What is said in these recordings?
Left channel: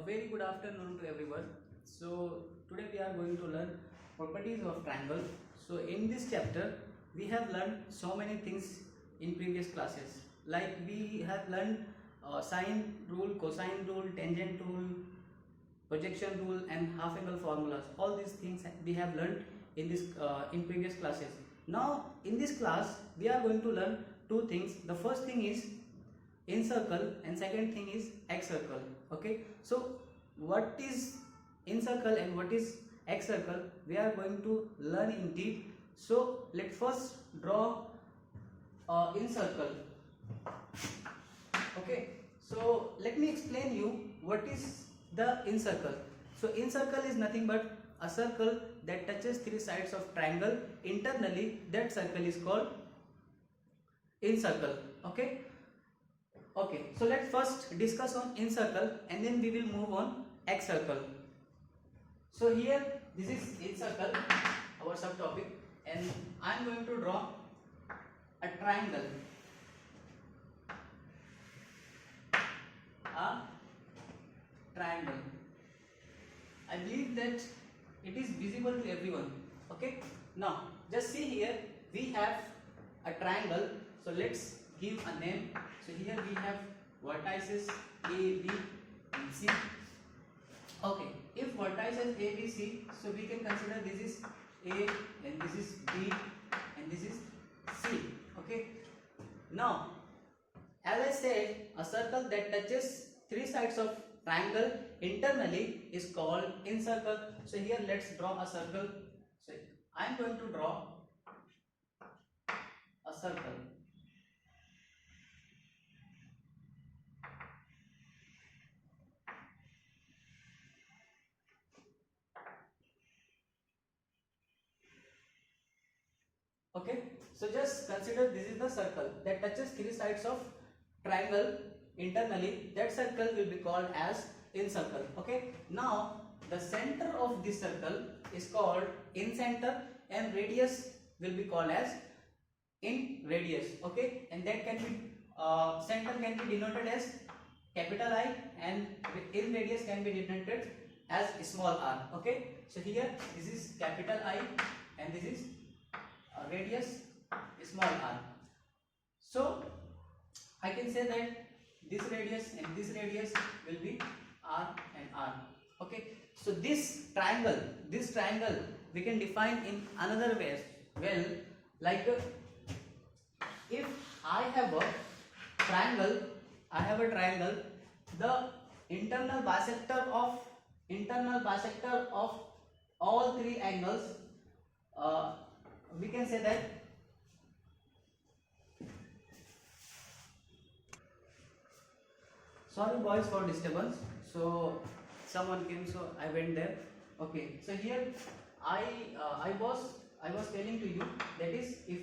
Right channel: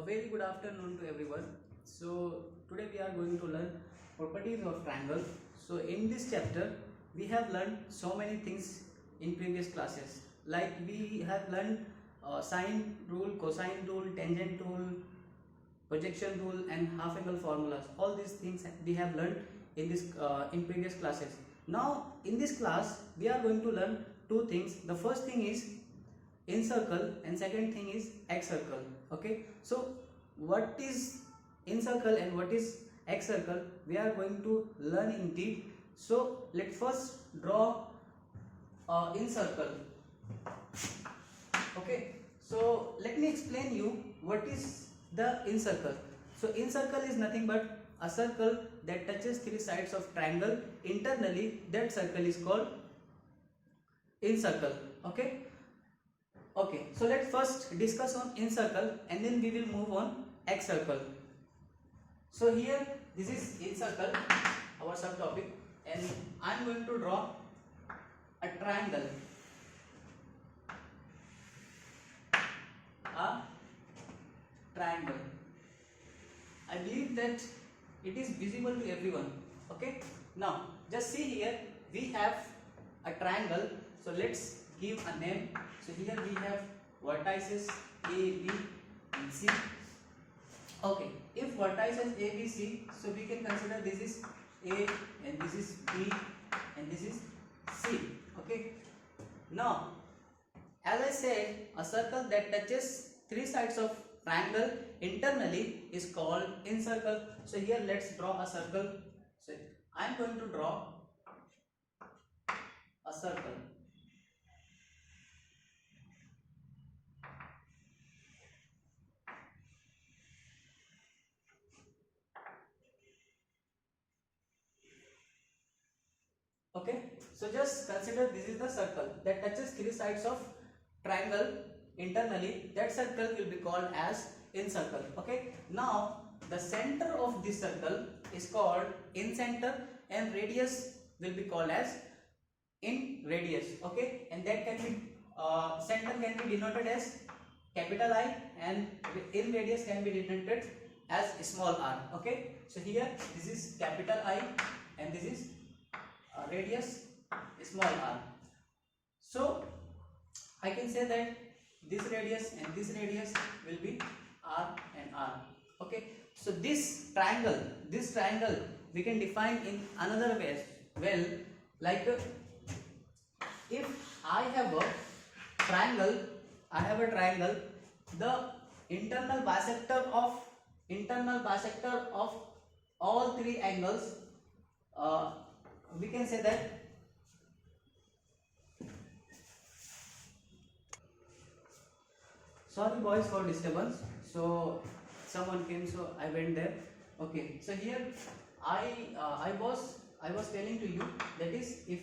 A very good afternoon to everyone. So today we are going to learn properties of triangle. So in this chapter we have learned so many things in previous classes. Like we have learned sine rule, cosine rule, tangent rule, projection rule and half angle formulas. All these things we have learned in previous classes. Now in this class we are going to learn two things. The first thing is encircle and second thing is excircle. Okay, so what is encircle and what is excircle we are going to learn in deep. So let's first draw encircle. Okay, so let me explain you what is the encircle. So encircle is nothing but a circle that touches three sides of triangle internally. That circle is called encircle. Okay, so let's first discuss on encircle and then we will move on excircle. So here this is encircle, our subtopic, and I am going to draw a triangle. I believe that it is visible to everyone. Okay, now just see here we have a triangle. So let's give a name. So here we have vertices A, B and C. Okay, if vertices A, B, C, so we can consider this is A and this is B and this is C. Okay, now as I said, a circle that touches three sides of triangle internally is called encircle. So here let's draw a circle. So I am going to draw a circle. Okay, so just consider this is the circle that touches three sides of triangle internally. That circle will be called as encircle. Okay, now the center of this circle is called incenter and radius will be called as in radius. Okay, and that can be center can be denoted as capital I and in radius can be denoted as small r. Okay, so here this is capital I and this is radius small r. So I can say that this radius and this radius will be r and r. Okay, so this triangle we can define in another way. Well, like if I have a triangle, the internal bisector of all three angles, we can say that sorry boys for disturbance. So someone came, so I went there. Okay, so here I was telling to you that is if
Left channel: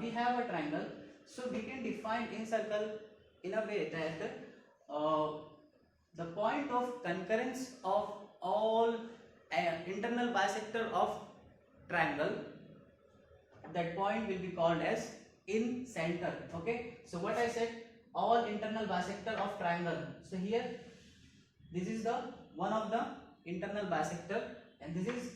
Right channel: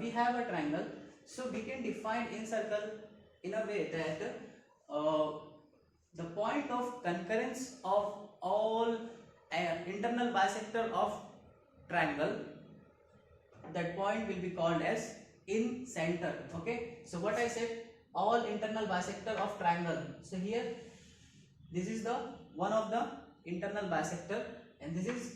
we have a triangle, so we can define encircle in a way that the point of concurrence of all internal bisector of triangle, that point will be called as in center. Okay, so what I said, all internal bisector of triangle. So here this is the one of the internal bisector and this is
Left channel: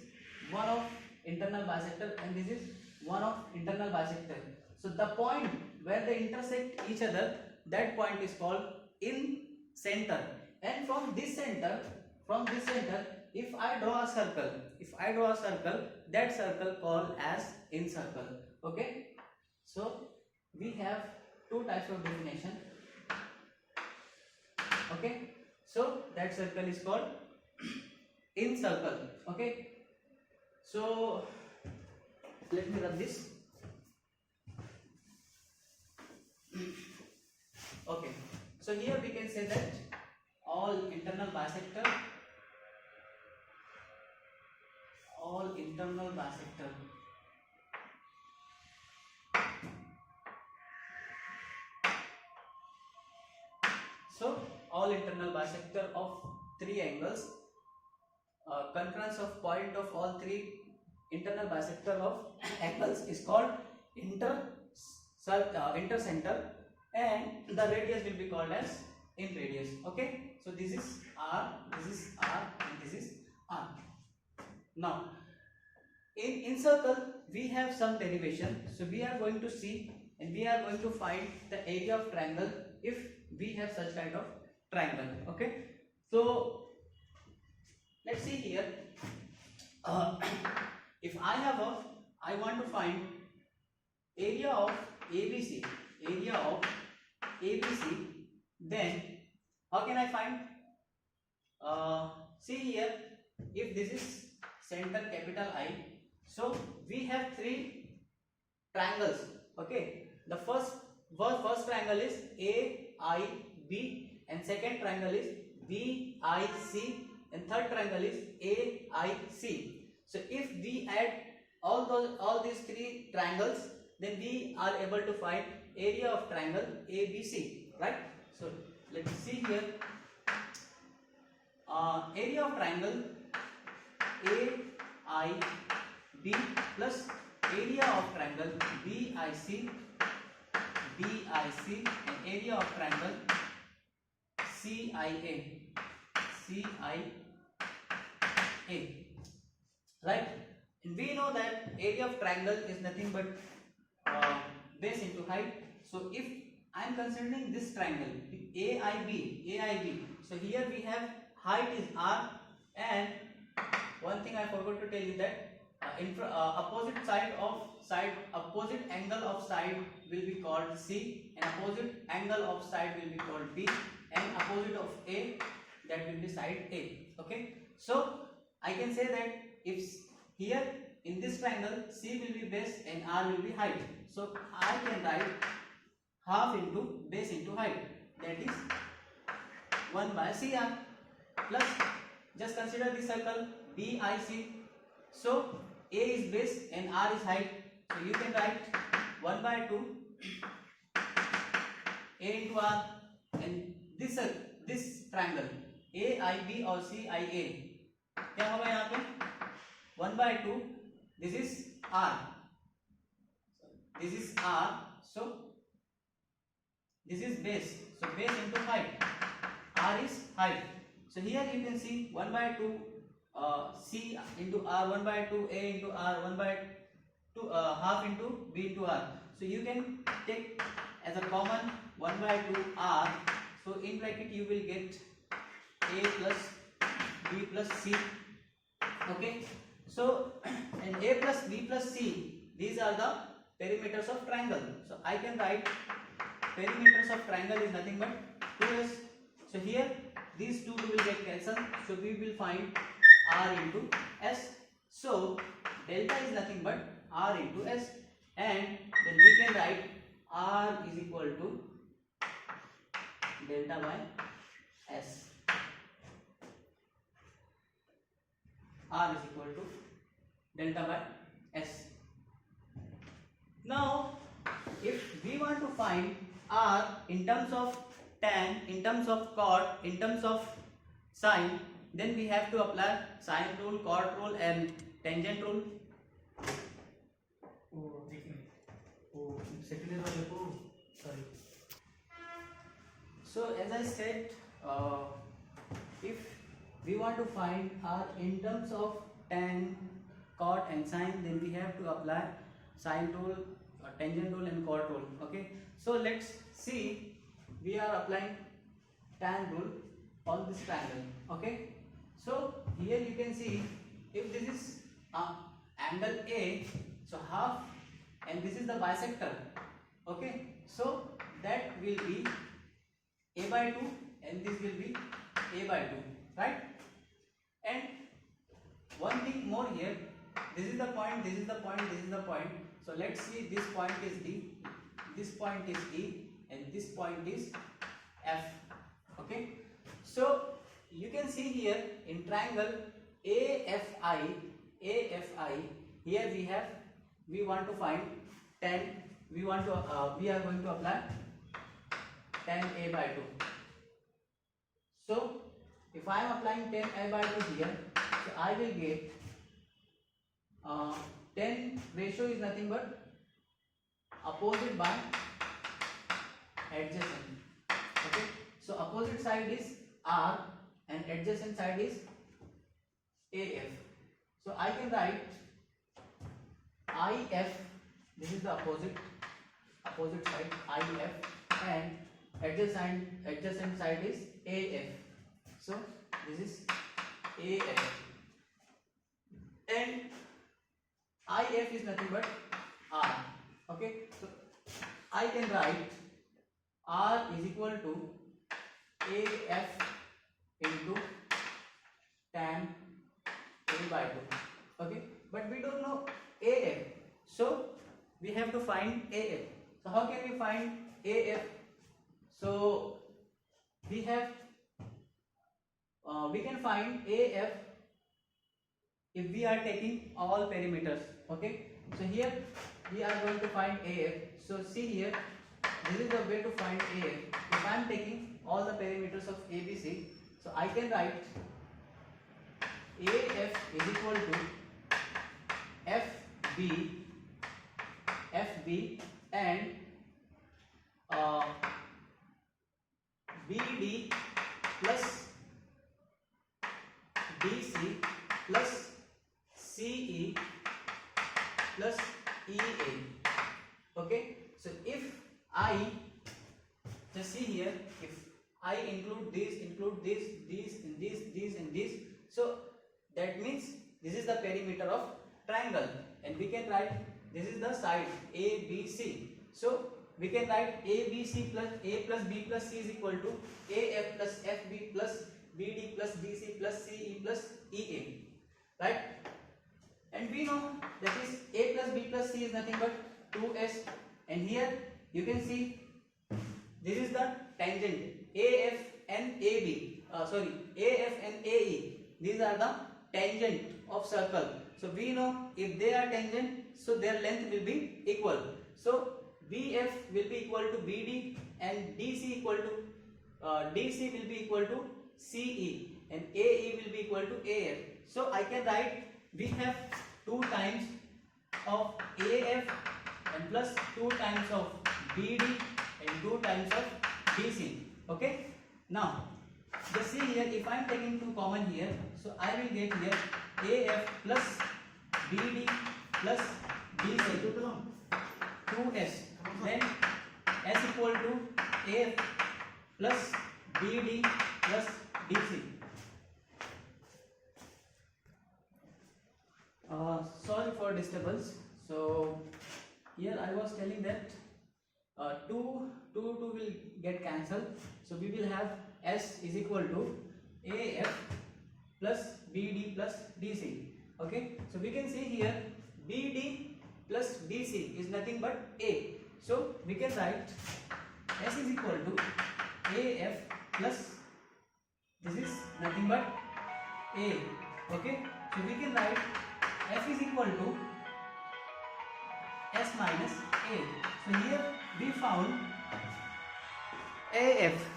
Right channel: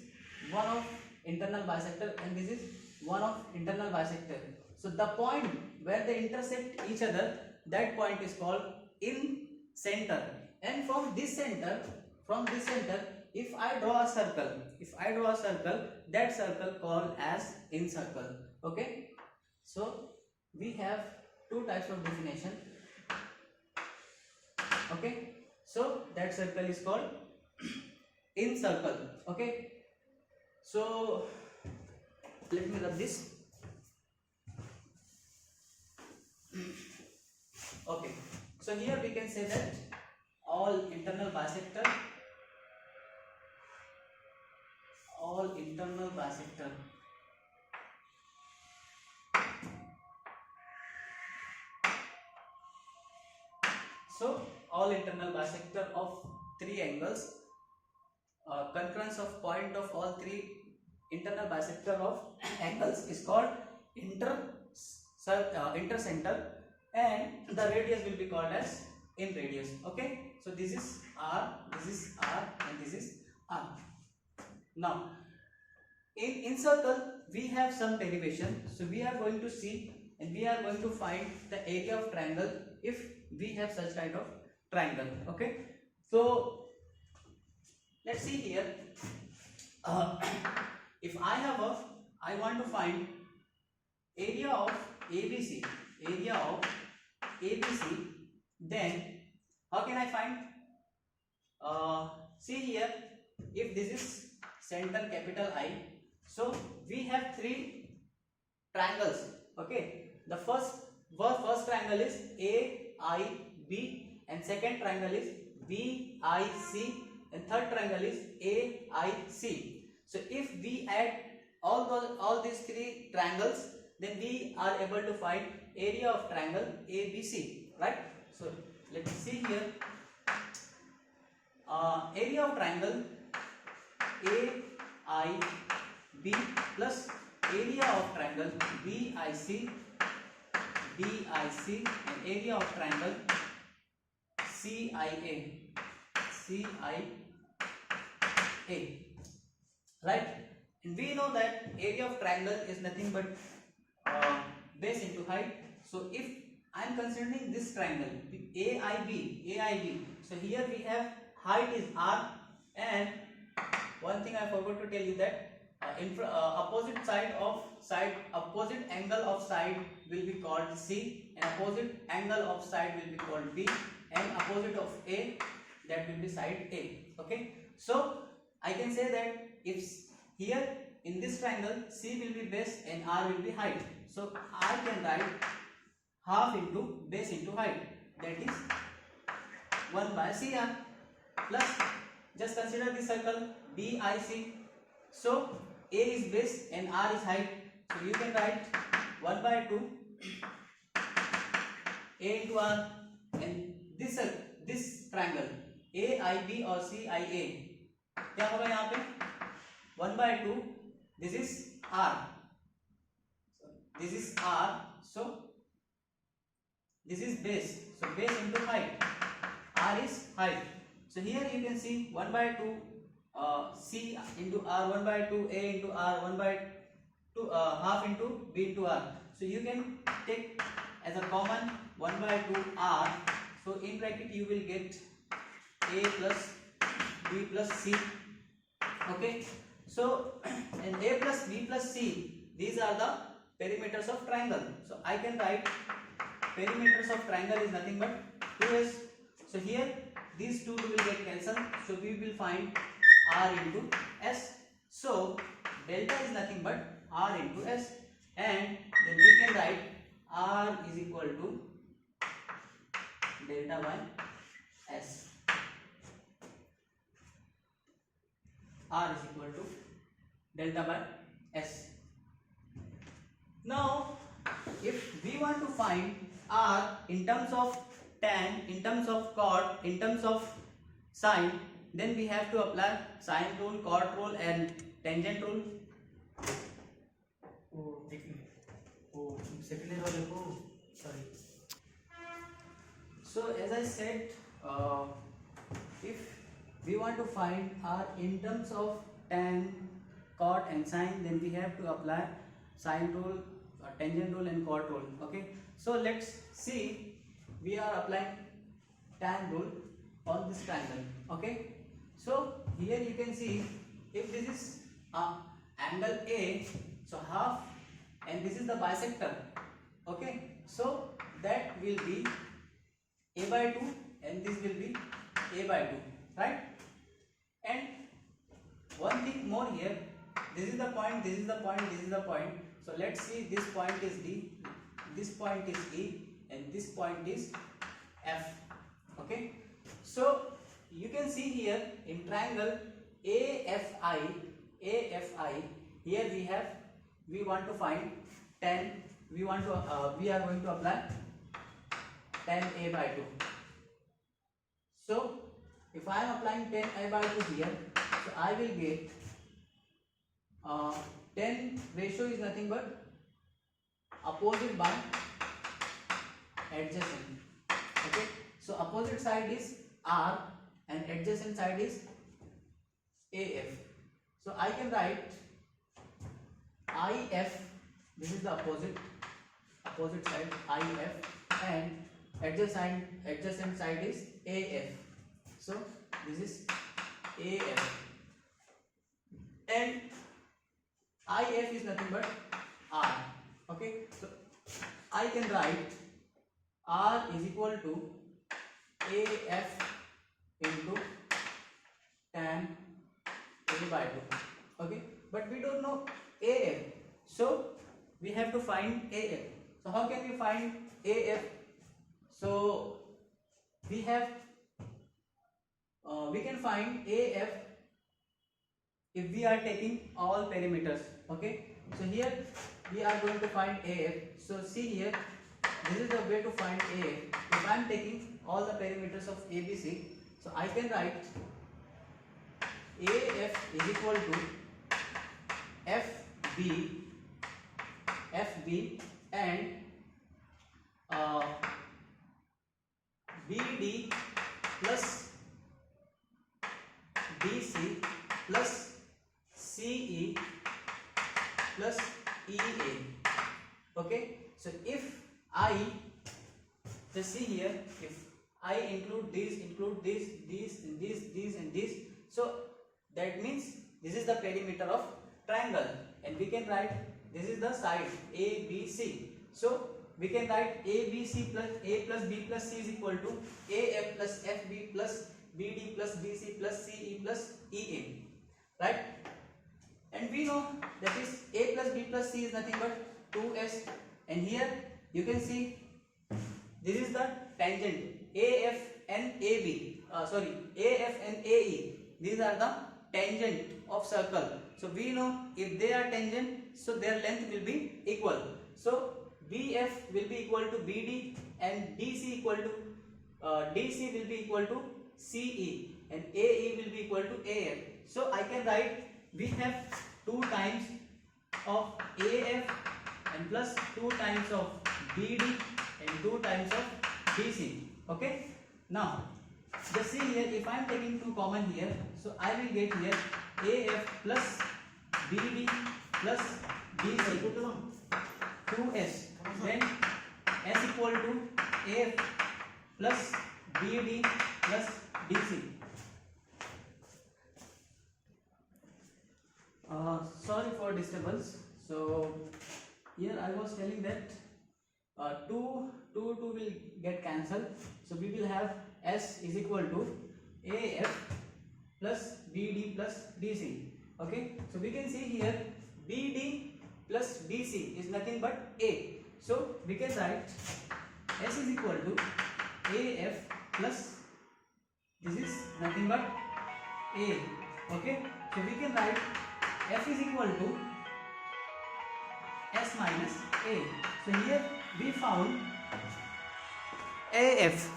one of internal bisector and this is one of internal bisector. So the point where they intersect each other, that point is called in center. And from this center, if I draw a circle, that circle called as encircle. Okay, so we have two types of definition. Okay, so that circle is called encircle. Okay, so let me rub this. Okay, so here we can say that all internal bisector so all internal bisector of three angles, concurrence of point of all three internal bisector of angles is called intercenter and the radius will be called as in radius. Okay, so this is R, this is R, and this is R. Now in circle we have some derivation, so we are going to see and we are going to find the area of triangle if we have such kind of triangle. Okay, so let's see here. If I want to find area of ABC, then how can I find? See here, if this is center capital I, so we have three triangles. Okay, the first triangle is AIB, and second triangle is BIC, and third triangle is AIC. So if we add all these three triangles, then we are able to find area of triangle ABC, right? So let's see here. Area of triangle AIB plus area of triangle BIC, and area of triangle CIA, right? And we know that area of triangle is nothing but base into height. So if I am considering this triangle AIB, so here we have height is R, and one thing I forgot to tell you that opposite angle of side will be called C, and opposite angle of side will be called B, and opposite of A, that will be side A. Okay, so I can say that if here in this triangle C will be base and R will be height, so I can write half into base into height, that is 1 by CR, plus just consider this circle BIC. So A is base and R is height, so you can write 1 by 2 A into R, and this triangle AIB or CIA, क्या होगा यहाँ पे 1 by 2, this is R, so this is base, so base into height, R is height. So here you can see 1 by 2 C into R, 1 by 2 A into R, 1 by 2 half into B into R. So you can take as a common 1 by 2 R. So in bracket you will get A plus B plus C. Okay. So and A plus B plus C, these are the perimeters of triangle. So I can write perimeters of triangle is nothing but 2S. So here these two will get cancelled, so we will find R into S. So delta is nothing but R into S, and then we can write R is equal to delta by S. R is equal to delta by S. Now if we want to find R in terms of tan, in terms of cot, in terms of sine, then we have to apply sine rule, cot rule, and tangent rule. So as I said, if we want to find R in terms of tan, cot, and sine, then we have to apply sine rule, tangent rule, and cot rule. Okay, so let's see. We are applying tan rule on this triangle. Okay, so here you can see if this is angle A, so half, and this is the bisector. Okay, so that will be A by 2, and this will be A by 2, right? And one thing more here, this is the point, this is the point, this is the point. So let's see, this point is D, this point is E, and this point is F. Okay, so you can see here in triangle AFI, here we want to find tan, we are going to apply tan A by 2. So if I am applying tan A by 2 here, so I will get tan ratio is nothing but opposite by adjacent. Okay, So opposite side is R and adjacent side is AF. So I can write IF, this is the opposite side IF, and adjacent side is AF. So this is AF, and IF is nothing but R. Okay, so I can write R is equal to AF into tan A by 2. Okay, but we don't know AF, so we have to find AF. So how can we find AF? So we can find AF if we are taking all perimeters. Okay, so here we are going to find AF. So see here, this is the way to find AF. If I am taking all the perimeters of ABC, so I can write AF is equal to FB and BD plus DC plus CE plus EA. Okay, so if I just see here, if I include this, and this, so that means this is the perimeter of triangle, and we can write this is the side ABC. So we can write ABC plus A plus B plus C is equal to AF plus FB plus BD plus BC plus CE plus EA, right? And we know that is A plus B plus C is nothing but 2S, and here you can see this is the tangent AF and AB. AF and AE. These are the tangent of circle. So we know if they are tangent, so their length will be equal. So BF will be equal to BD and DC will be equal to CE and AE will be equal to AF. So I can write we have 2 times of AF and plus 2 times of BD and 2 times of DC. Okay. Now just see here, if I am taking 2 common here, so I will get here AF plus BD plus DC 2S, when S equal to AF plus BD plus DC. Sorry for disturbance. So here I was telling that 2 will get cancelled, so we will have S is equal to AF plus BD plus DC. Okay, so we can see here BD plus DC is nothing but A, so we can write S is equal to AF plus this is nothing but A. Okay, so we can write F is equal to S minus A. So here we found AF.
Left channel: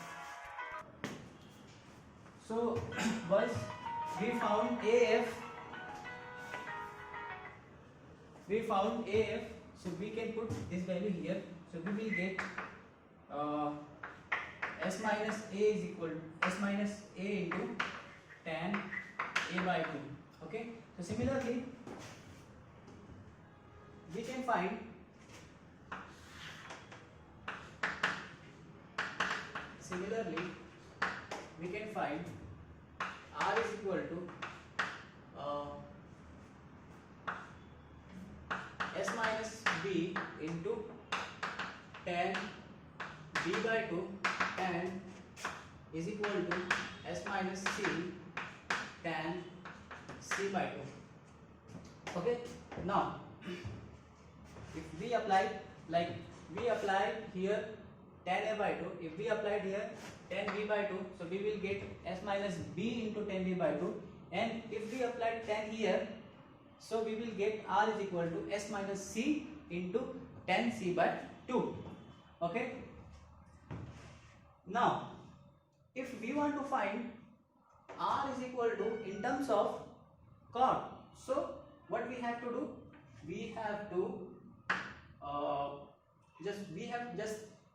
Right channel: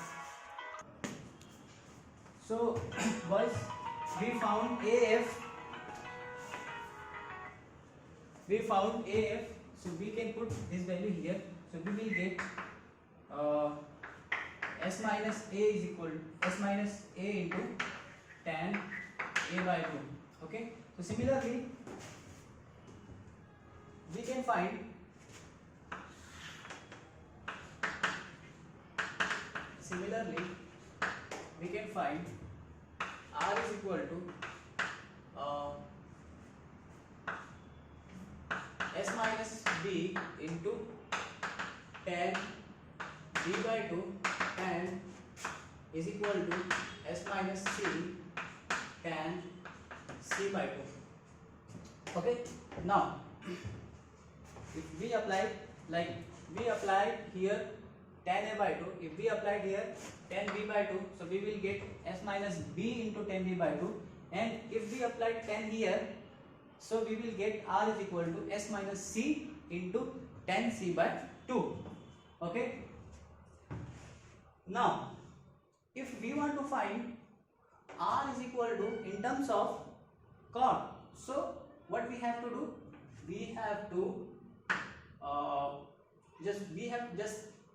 So boys, we found AF. So we can put this value here. So we will get S minus A is equal to S minus A into tan A by 2. Okay. So similarly, we can find R is equal to S minus B into tan B by 2 and is equal to S minus C tan C by 2. Okay. Now if we apply, like we applied here tan A by 2, if we applied here tan B by 2, so we will get S minus B into tan B by 2, and if we applied tan here, so we will get R is equal to S minus C into tan C by 2. Okay. Now if we want to find R is equal to in terms of chord, so what we have to do, we have to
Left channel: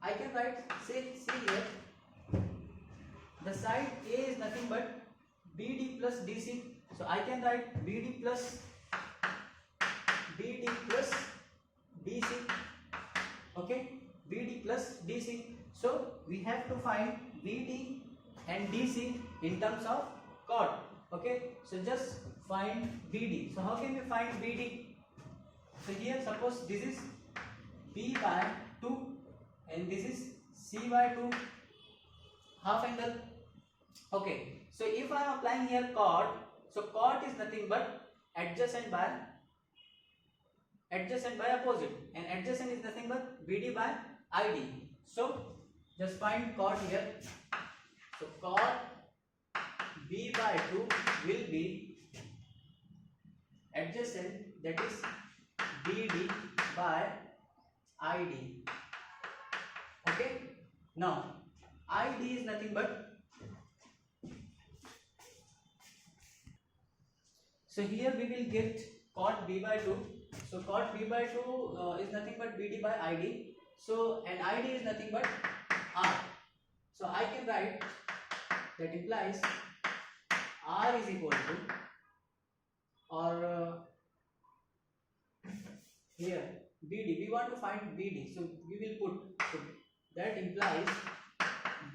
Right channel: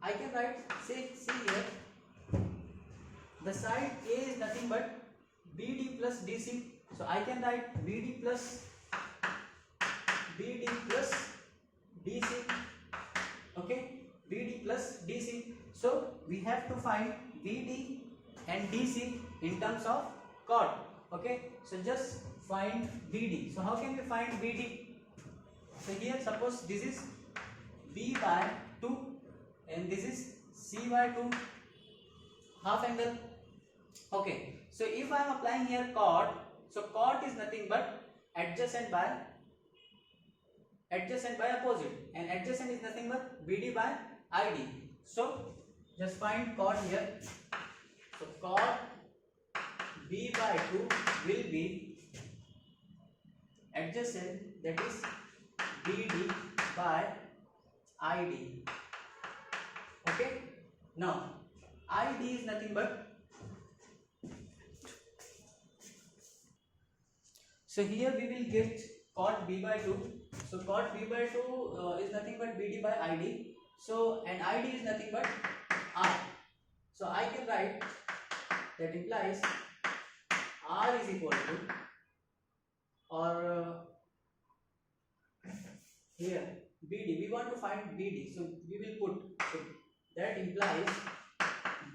I can write, see here, the side A is nothing but BD plus DC. So I can write BD plus DC. Okay, BD plus DC. So we have to find BD and DC in terms of chord. Okay, so just find BD. So how can we find BD? So here suppose this is B by 2 and this is C by 2 half angle. Okay, so if I am applying here chord, so chord is nothing but adjacent by opposite, and adjacent is nothing but BD by ID. So just find chord here. So chord B by 2 will be adjacent, that is BD by ID. Okay, now ID is nothing but, so here we will get chord B by 2. So chord B by 2 is nothing but BD by ID. So and ID is nothing but R. So I can write, that implies R is equal to, or here BD, we want to find BD, so we will put, so that implies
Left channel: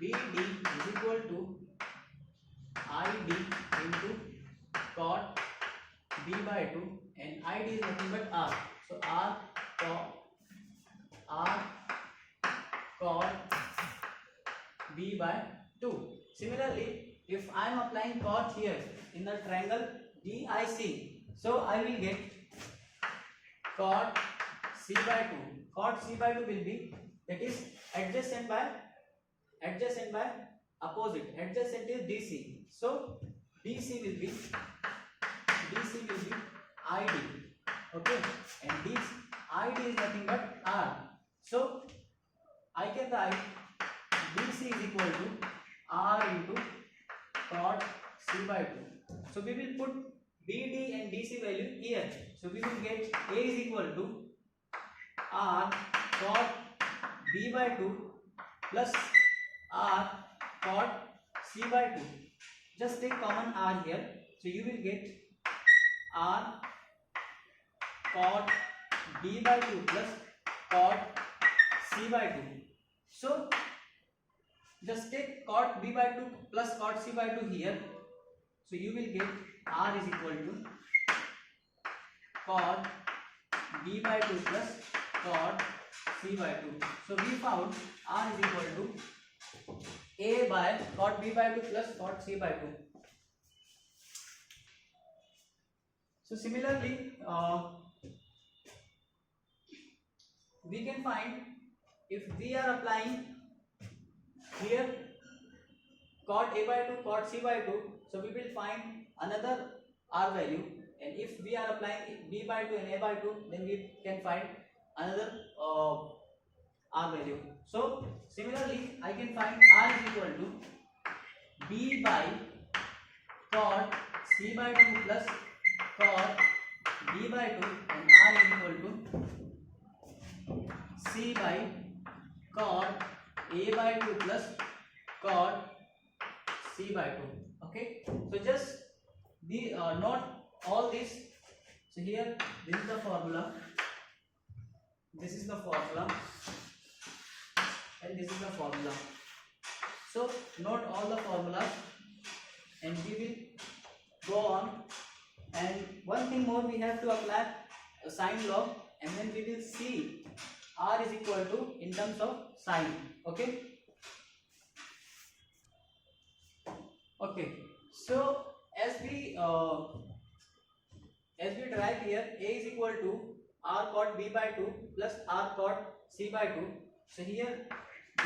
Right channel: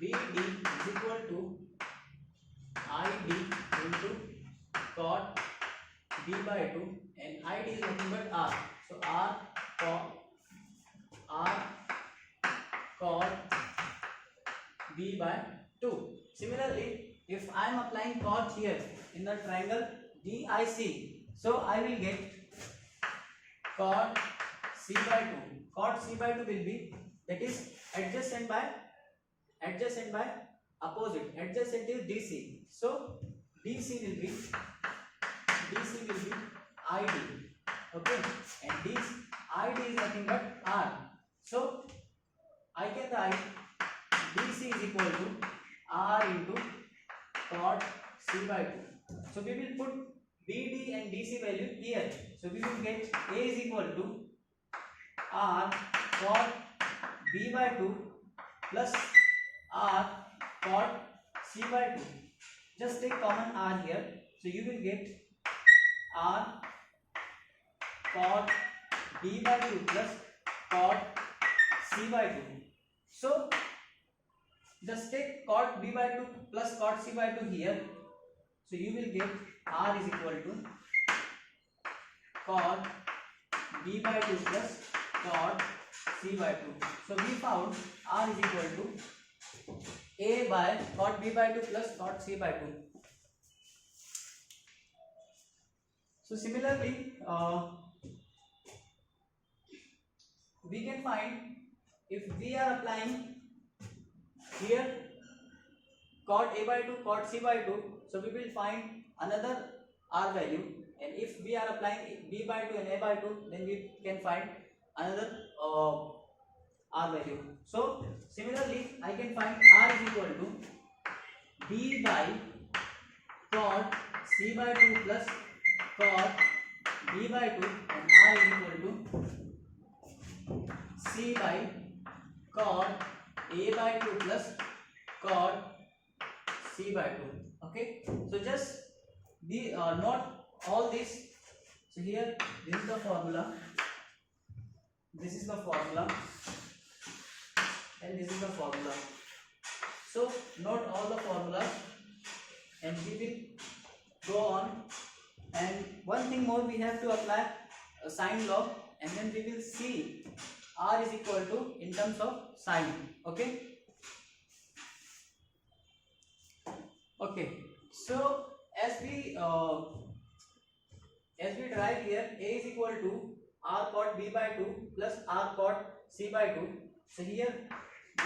BD is equal to ID into chord B by 2, and ID is nothing but R. So R chord B by 2. Similarly, if I am applying chord here in the triangle DIC, so I will get chord C by 2. Chord C by 2 will be, that is adjacent by opposite. Adjacent is DC. So DC will be ID. Okay, and this ID is nothing but R. So I can write DC is equal to R into chord C by 2. So we will put BD and DC value here. So we will get A is equal to R chord B by 2 plus R chord C by 2. Just take common R here. So you will get R chord B by 2 plus chord C by 2. So just take chord B by 2 plus chord C by 2 here. So you will get R is equal to chord B by 2 plus chord C by 2. So we found R is equal to A by chord B by 2 plus chord C by 2. So similarly, we can find, if we are applying here chord A by 2, chord C by 2, so we will find another R value, and if we are applying B by 2 and A by 2, then we can find another R value. So similarly, I can find R is equal to B by chord C by 2 plus chord B by 2, and R is equal to C by chord A by 2 plus chord C by 2. Okay, so just be note all this. So here this is the formula, this is the formula, and this is the formula. So note all the formulas, and we will go on. And one thing more, we have to apply a sine law, and then we will see R is equal to in terms of sine. Okay. Okay. So as we derive here, A is equal to R chord B by 2 plus R chord C by 2. So here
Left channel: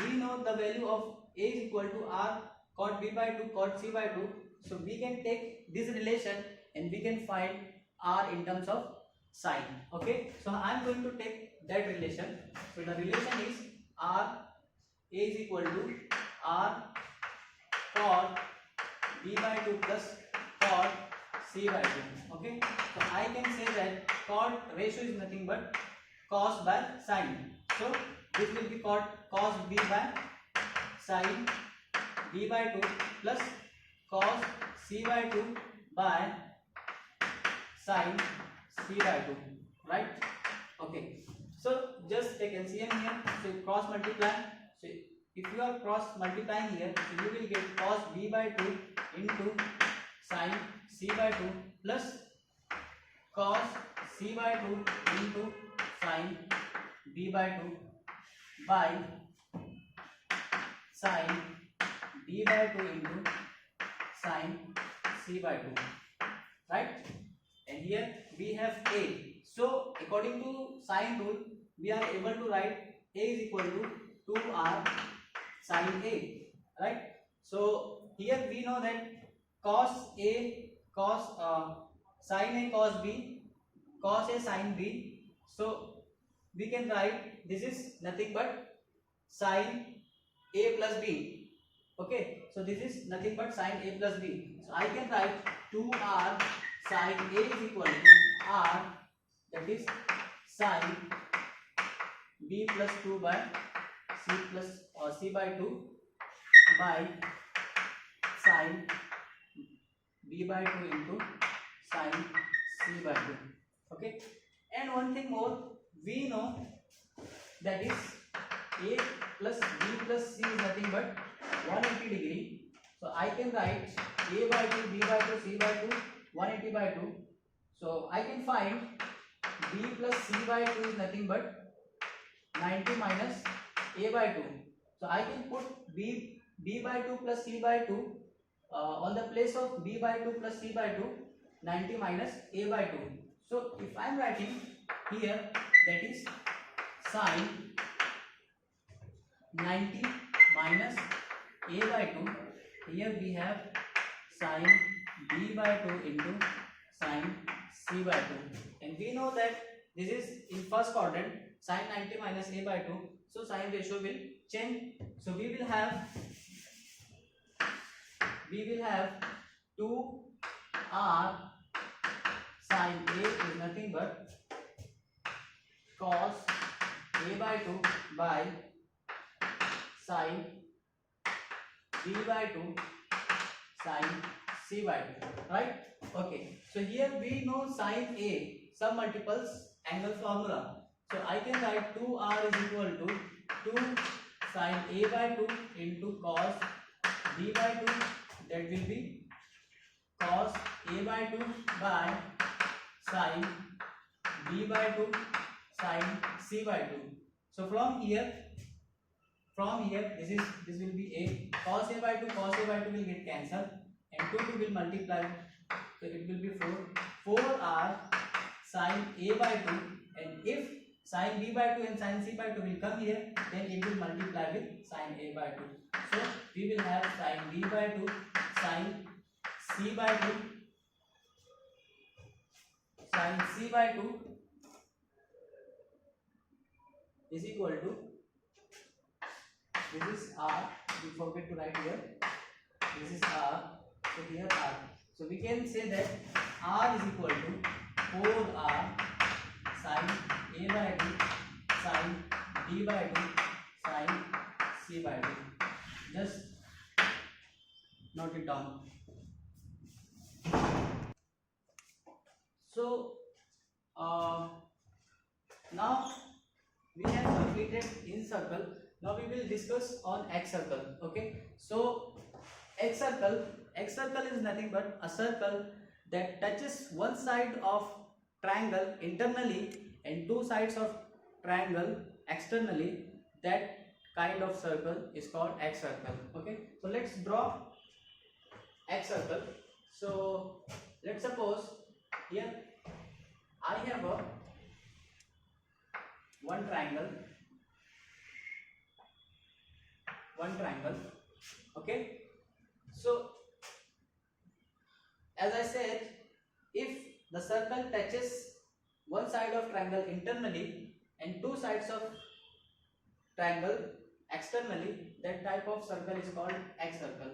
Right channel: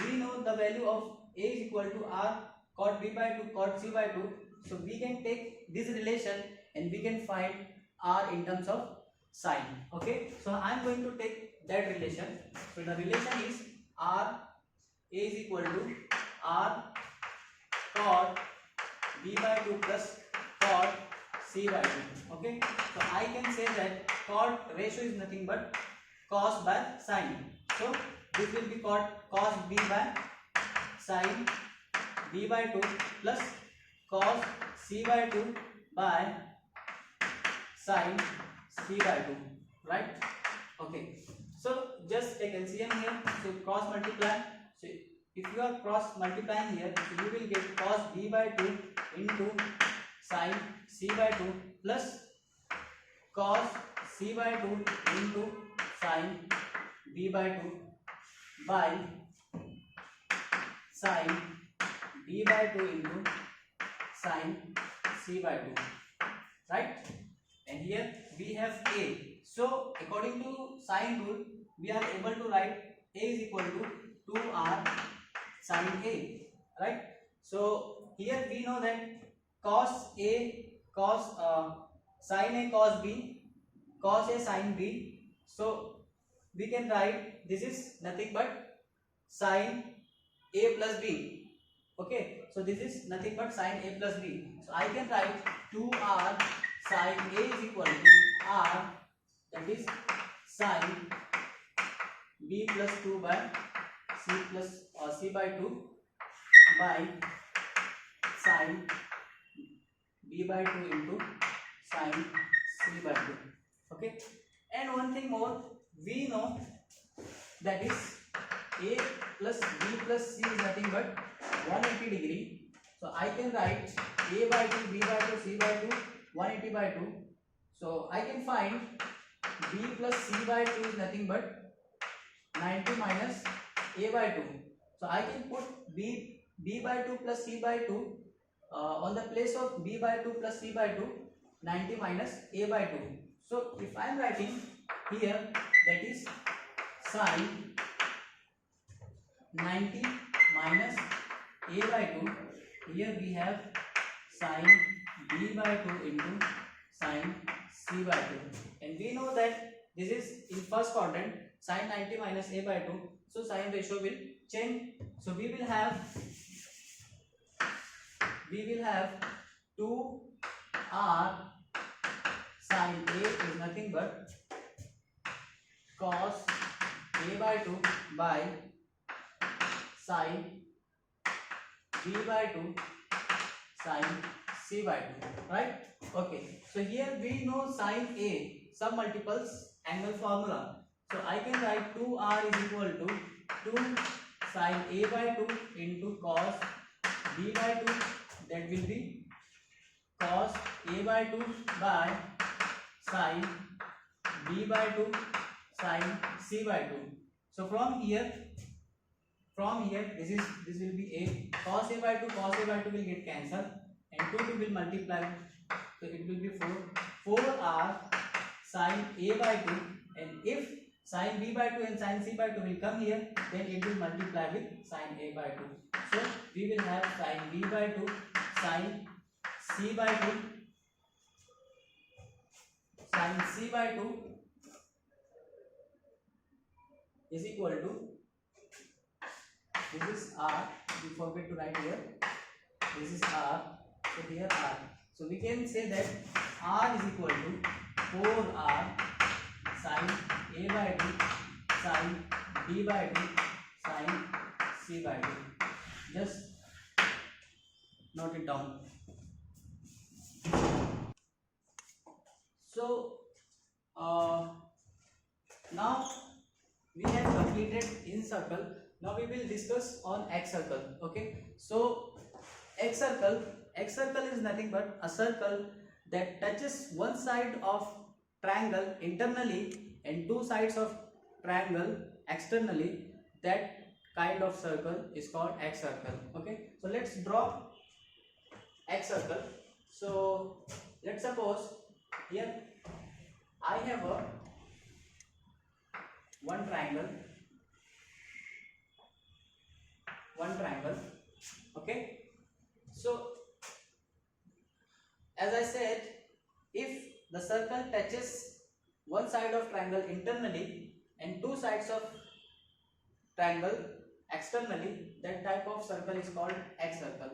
we know the value of A is equal to R chord B by 2 chord C by 2. So we can take this relation and we can find R in terms of sine. Okay, so I am going to take that relation. So the relation is R A is equal to R chord B by 2 plus chord C by 2. Okay, so I can say that chord ratio is nothing but cos by sine. So this will be called cos B by sine b by 2 plus cos c by 2 by sin c by 2, right? Okay, so just take LCM here, so cross multiply. So if you are cross multiplying here, so you will get cos b by 2 into sin c by 2 plus cos c by 2 into sin b by 2 by sin b by 2 into sin c by 2, right? And here we have a. So according to sine rule, we are able to write a is equal to 2r sin a, right? So here we know that cos a cos sin a cos b, cos a sin b. So we can write this is nothing but sin a plus b. Okay, so this is nothing but sin a plus b. So I can write 2r sin a is equal to r, that is sin b plus 2 by c plus c by 2 by sin b by 2 into sin c by 2. Okay, and one thing more, we know that is a plus b plus c is nothing but 180 degree. So I can write a by 2, b by 2, c by 2, 180 by 2. So I can find b plus c by 2 is nothing but 90 minus a by 2. So I can put b by 2 plus c by 2 on the place of b by 2 plus c by 2, 90 minus a by 2. So if I am writing here, that is sin 90 minus a by 2, here we have sin b by 2 into sin c by 2, and we know that this is in first quadrant, sin 90 minus a by 2, so sign ratio will change. So we will have 2r sin a is nothing but cos a by 2 by sin b by 2 sin c by 2, right? Okay, so here we know sin a sum multiples angle formula. So I can write 2r is equal to 2 sin a by 2 into cos b by 2, that will be cos a by 2 by sin b by 2 sin c by 2. So from here this will be a cos a by 2 will get cancelled, and 2 will multiply, so it will be 4r sin a by 2, and if sin b by 2 and sin c by 2 will come here, then it will multiply with sin a by 2. So we will have sin b by 2 sin c by 2 sin c by 2 is equal to, this is r, we forget to write here, this is r, so here r, so we can say that r is equal to 4r sin a by 2 sin b by 2 sin c by 2. Just note it down. So now we have completed in circle. Now we will discuss on X circle. Okay, so X circle is nothing but a circle that touches one side of triangle internally and two sides of triangle externally. That kind of circle is called X circle. Okay, so let's draw X circle. So let's suppose here I have a one triangle. Okay, so as I said, if the circle touches one side of triangle internally and two sides of triangle externally, that type of circle is called X circle.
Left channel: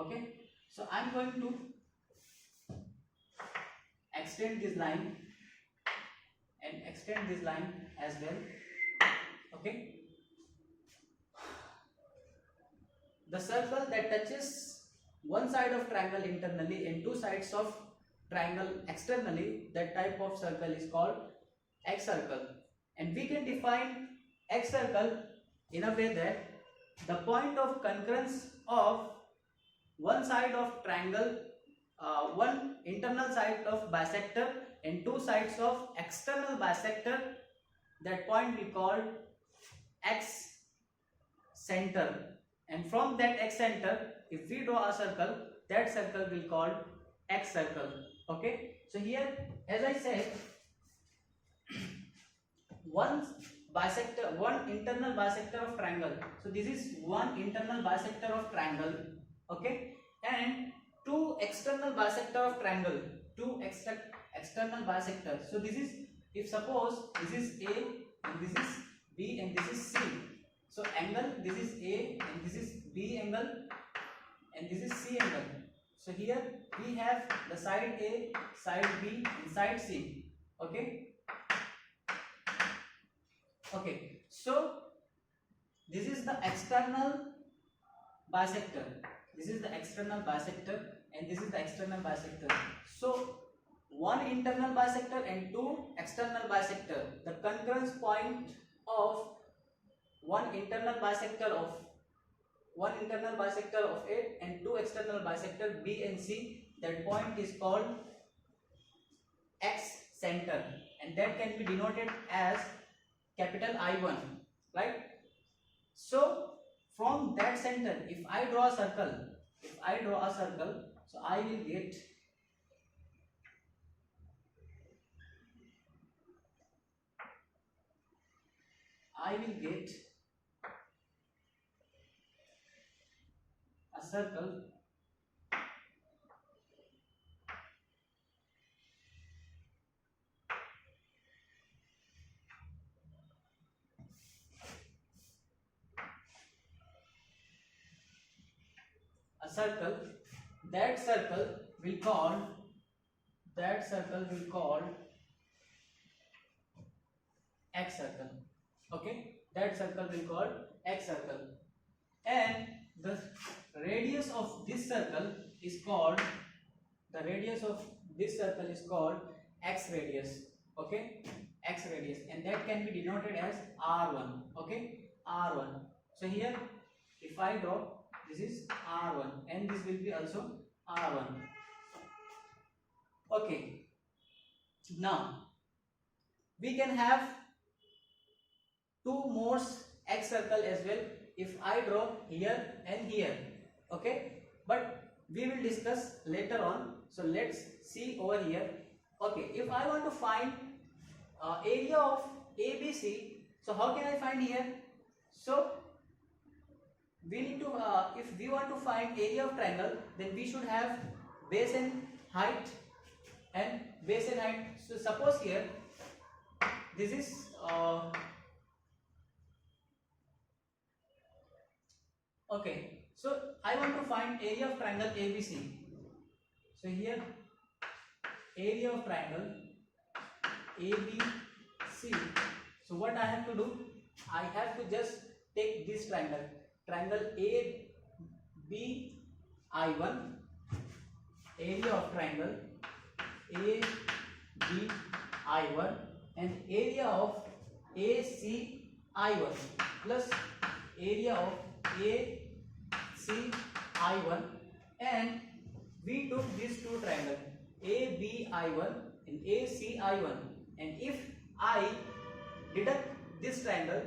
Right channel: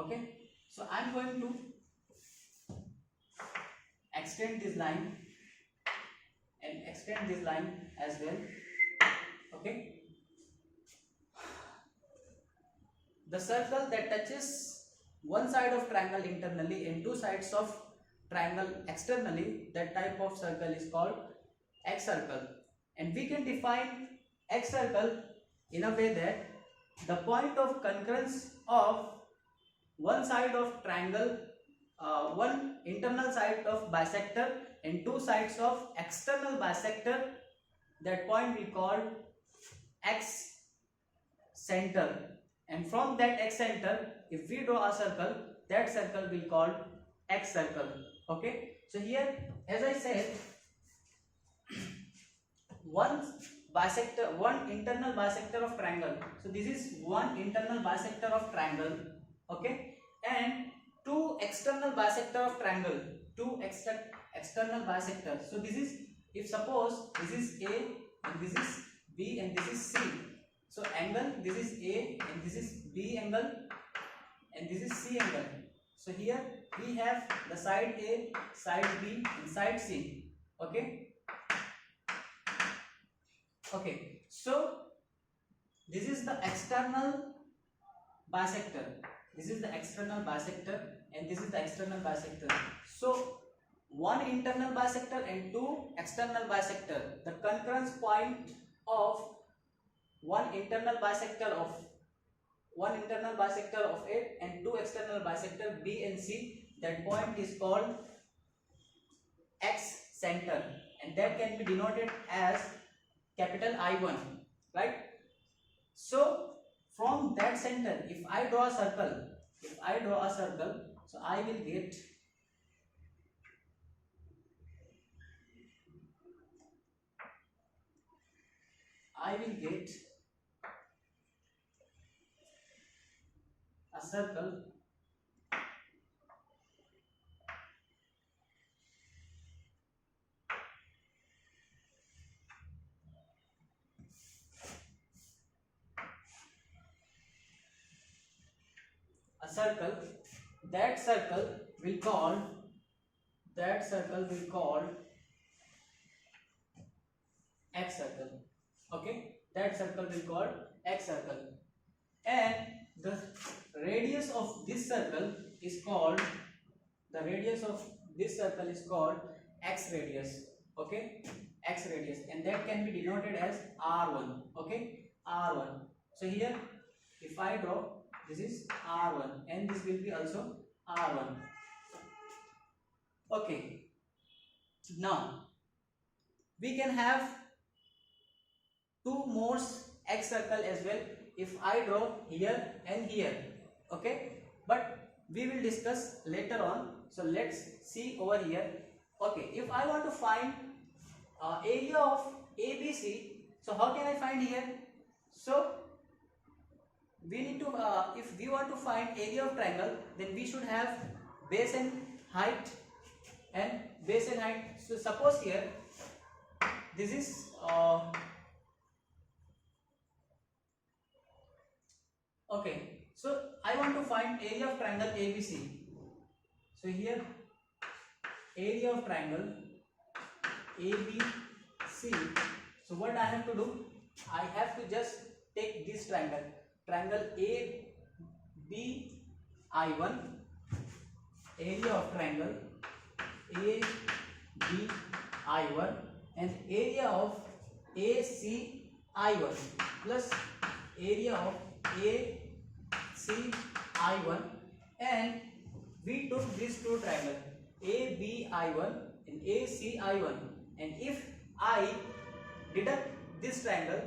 Okay, so I'm going to extend this line and extend this line as well. Okay, the circle that touches one side of triangle internally and two sides of triangle externally, that type of circle is called X circle. And we can define X circle in a way that the point of concurrence of one side of triangle, one internal side of bisector and two sides of external bisector, that point we call X center. And from that X center, if we draw a circle, that circle will called X circle. Okay, so here, as I said, one internal bisector of triangle. So this is one internal bisector of triangle. Okay, and two external bisector of triangle. Two external bisectors. So this is, if suppose this is A and this is B and this is C. So angle, this is A and this is B angle and this is C angle. So here we have the side A, side B and side C. Okay. Okay. So this is the external bisector. This is the external bisector and this is the external bisector. So one internal bisector and two external bisector. The concurrence point of one internal bisector of A and two external bisector B and C, that point is called X center, and that can be denoted as capital I1, right? So from that center, if I draw a circle, so I will get a circle that circle will call X circle. Okay, that circle will call X circle, and the radius of this circle is called X radius. Okay, X radius, and that can be denoted as R1. Okay, R1. So here, if I draw, this is R1 and this will be also R1. Okay, now we can have two more X circle as well if I draw here and here. Okay, but we will discuss later on. So let's see over here. Okay, if I want to find area of ABC, so how can I find here? So we need to, if we want to find area of triangle, then we should have base and height and base and height. So suppose here this is okay, so I want to find area of triangle ABC. So here area of triangle ABC. So what I have to do, I have to just take this triangle ABI1, area of triangle ABI1, and area of ACI1 plus area of ACI1, and we took these two triangles ABI1 and ACI1, and if I deduct this triangle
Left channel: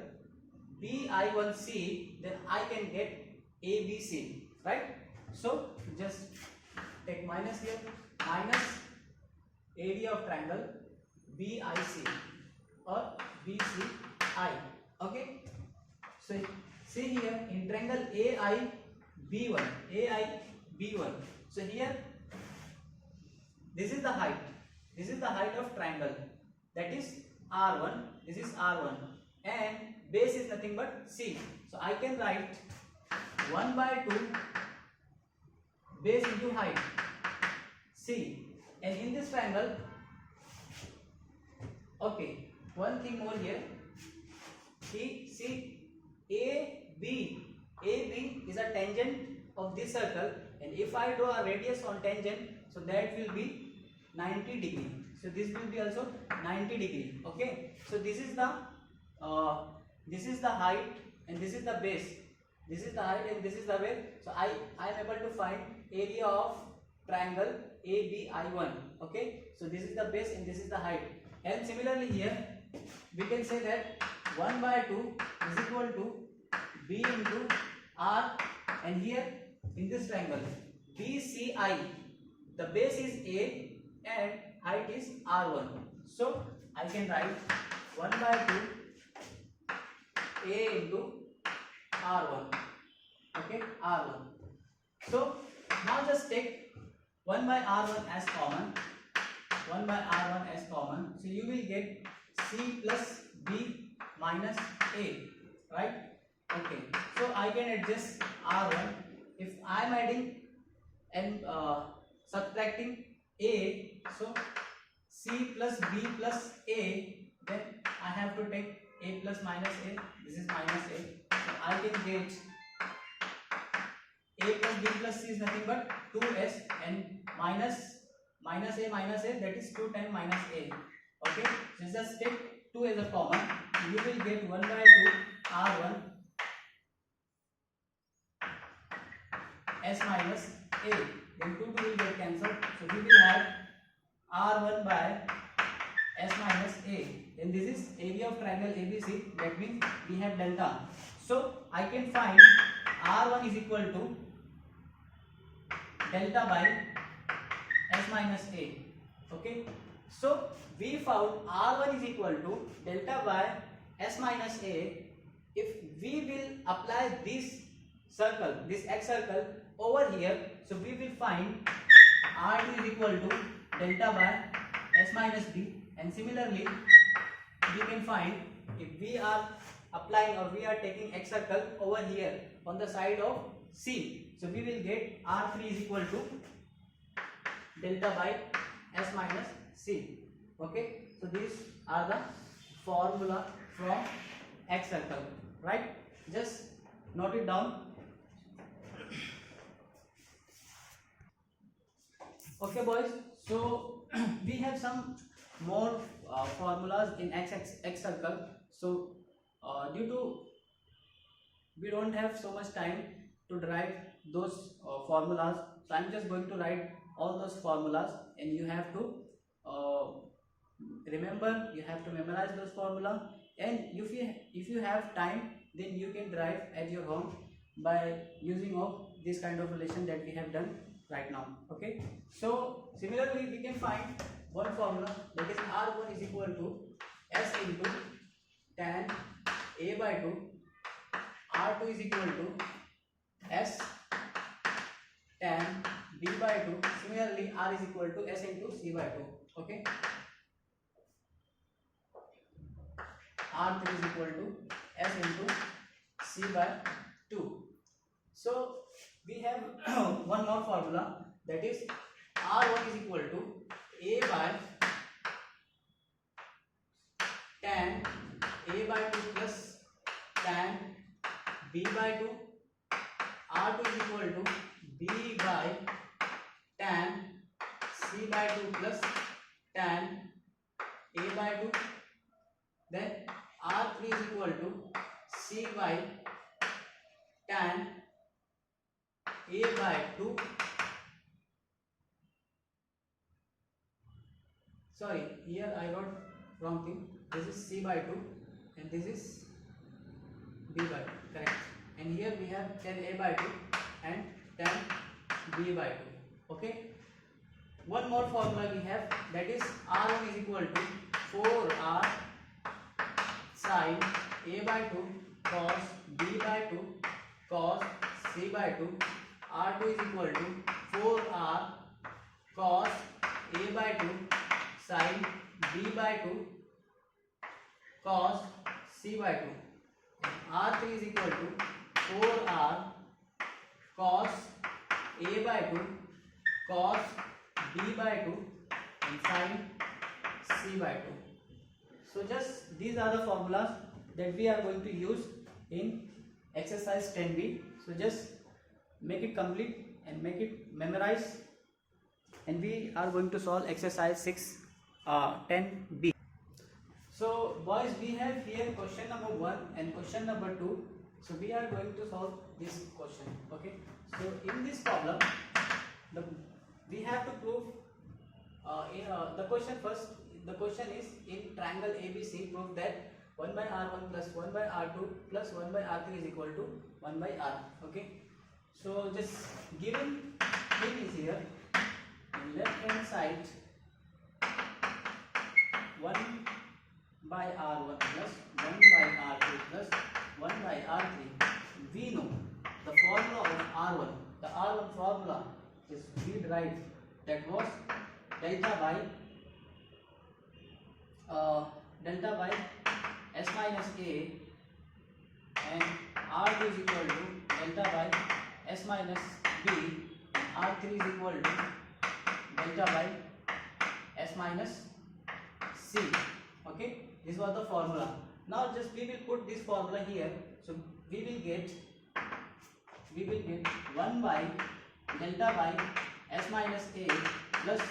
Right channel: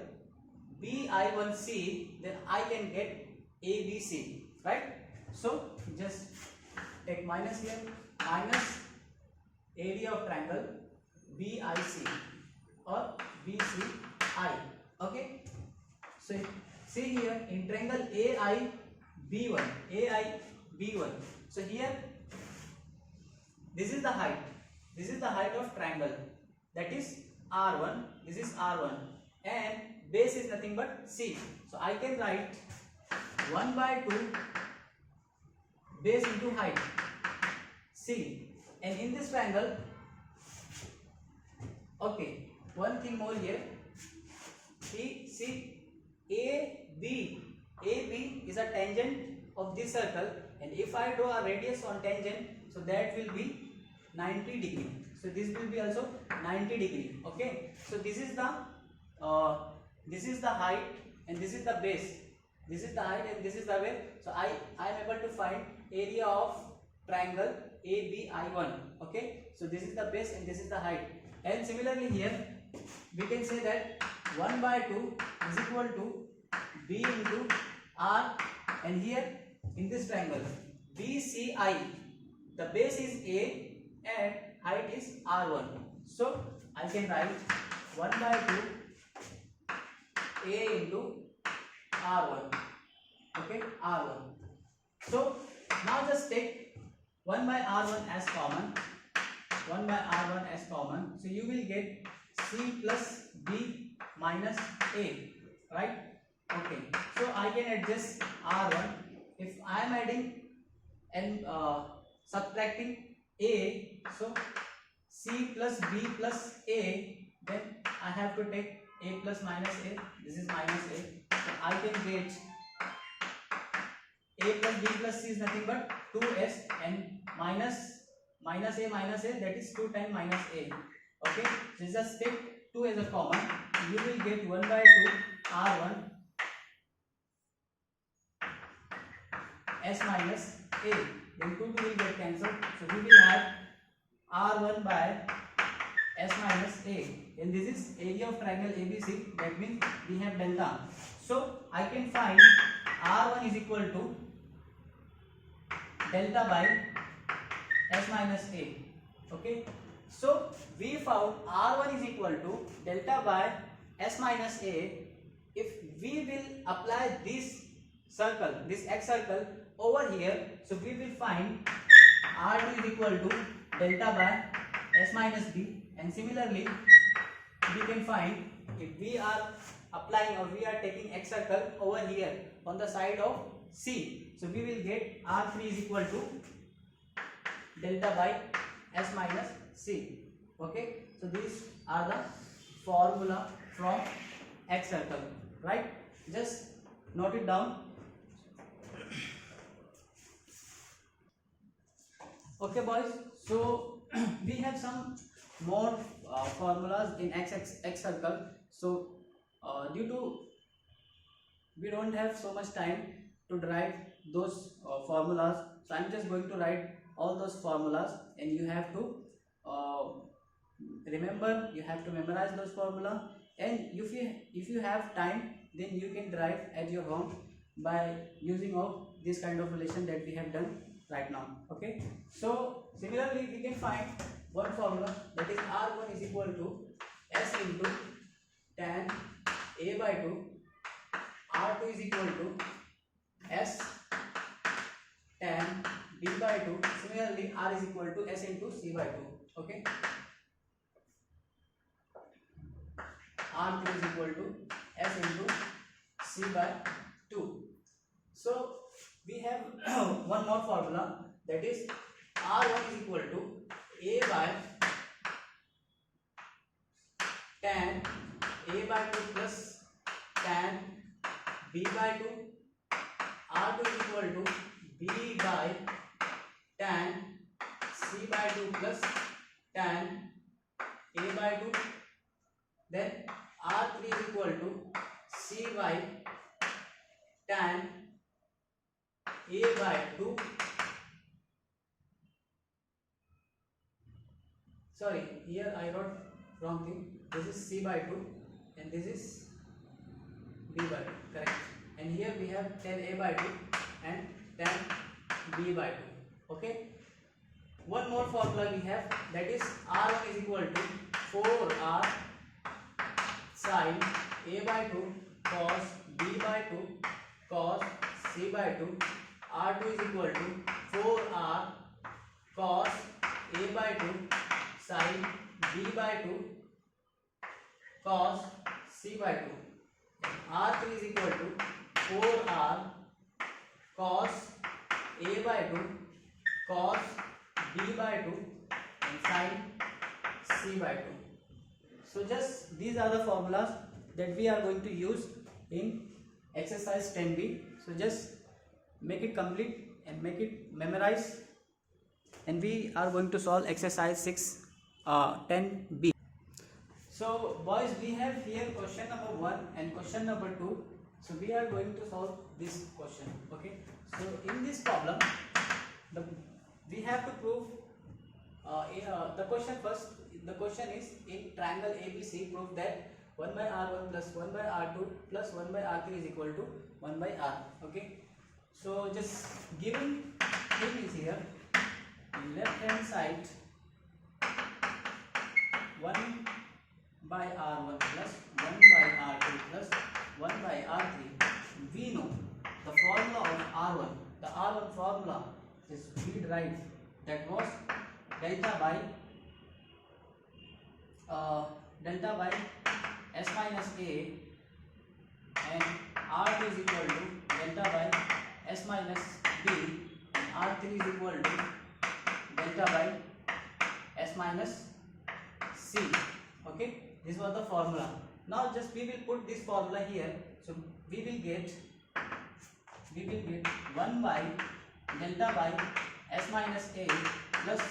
BI1C, then I can get ABC, right? So just take minus here, minus area of triangle BIC or BCI. Okay, so see here in triangle AIB1, so here this is the height of triangle, that is R1, this is R1, and base is nothing but C. So I can write 1/2 base into height C, and in this triangle, okay, one thing more here, see AB AB is a tangent of this circle, and if I draw a radius on tangent, so that will be 90 degree. So this will be also 90 degree. Okay. So this is the height and this is the base. This is the height and this is the base. So I am able to find area of triangle ABI1. Okay. So this is the base and this is the height. And similarly here we can say that 1 by 2 is equal to B into R, and here in this triangle BCI, the base is A and height is R1. So I can write 1 by 2 A into R1. Okay, R1. So now just take 1 by R1 as common. 1 by R1 as common. So you will get C plus B minus A, right? Okay. So I can adjust R1. If I am adding and subtracting A, so C plus B plus A, then I have to take A plus minus A. This is minus A. So I can get A plus B plus C is nothing but 2S, and minus A minus A, that is 2 times minus A. Okay. So just take 2 as a common. You will get 1 by 2 R1 S minus A. Then 2 will get cancelled. So we will have R1 by S minus A. And this is area of triangle ABC. That means we have delta. So I can find R1 is equal to delta by S minus A. Okay. So we found R1 is equal to delta by S minus A. If we will apply this circle, this X circle over here, so we will find R2 is equal to delta by S minus B. And similarly we can find, if we are applying or we are taking X circle over here on the side of C, so we will get R3 is equal to delta by S minus C. Okay, so these are the formula from X circle, right? Just note it down. Okay boys, so we have some more formulas in X circle. So due to we don't have so much time to derive those formulas, so I'm just going to write all those formulas, and you have to remember, you have to memorize those formula, and if you have time, then you can derive at your home by using of this kind of relation that we have done right now. Okay, so similarly we can find one formula, that is R1 is equal to S into tan A by 2. R2 is equal to S tan B by 2. Similarly R is equal to S into C by 2. Okay, R3 is equal to S into C by 2. So we have one more formula, that is R1 is equal to A by tan A by 2 plus tan B by 2. R2 is equal to B by tan C by 2 plus tan A by 2. Then R3 is equal to C by tan A by 2. Sorry, here I wrote wrong thing. This is C by 2 and this is B by 2. Correct. And here we have tan A by 2 and tan B by 2. Okay. One more formula we have, that is R1 is equal to 4R sin A by 2 cos B by 2 cos C by 2. R2 is equal to 4R cos A by 2 sin B by 2 cos C by 2. R3 is equal to 4R cos A by 2 cos B by 2 and sin C by 2. So just these are the formulas that we are going to use in exercise 10b. So just make it complete and make it memorize. And we are going to solve exercise 6 10b. So boys, we have here question number 1 and question number 2. So we are going to solve this question. Okay. So in this problem, we have to prove the question first. The question is, in triangle ABC, prove that 1 by R1 plus 1 by R2 plus 1 by R3 is equal to 1 by R. Okay. So just given thing is here, in left hand side 1 by R1 plus 1 by R2 plus 1 by R3. We know the formula of R1. The R1 formula is we derived, that was delta by S minus A, and R2 is equal to delta by S minus B, and R3 is equal to delta by S minus C. Okay, this was the formula. Now just we will put this formula here. So we will get 1 by delta by S minus A plus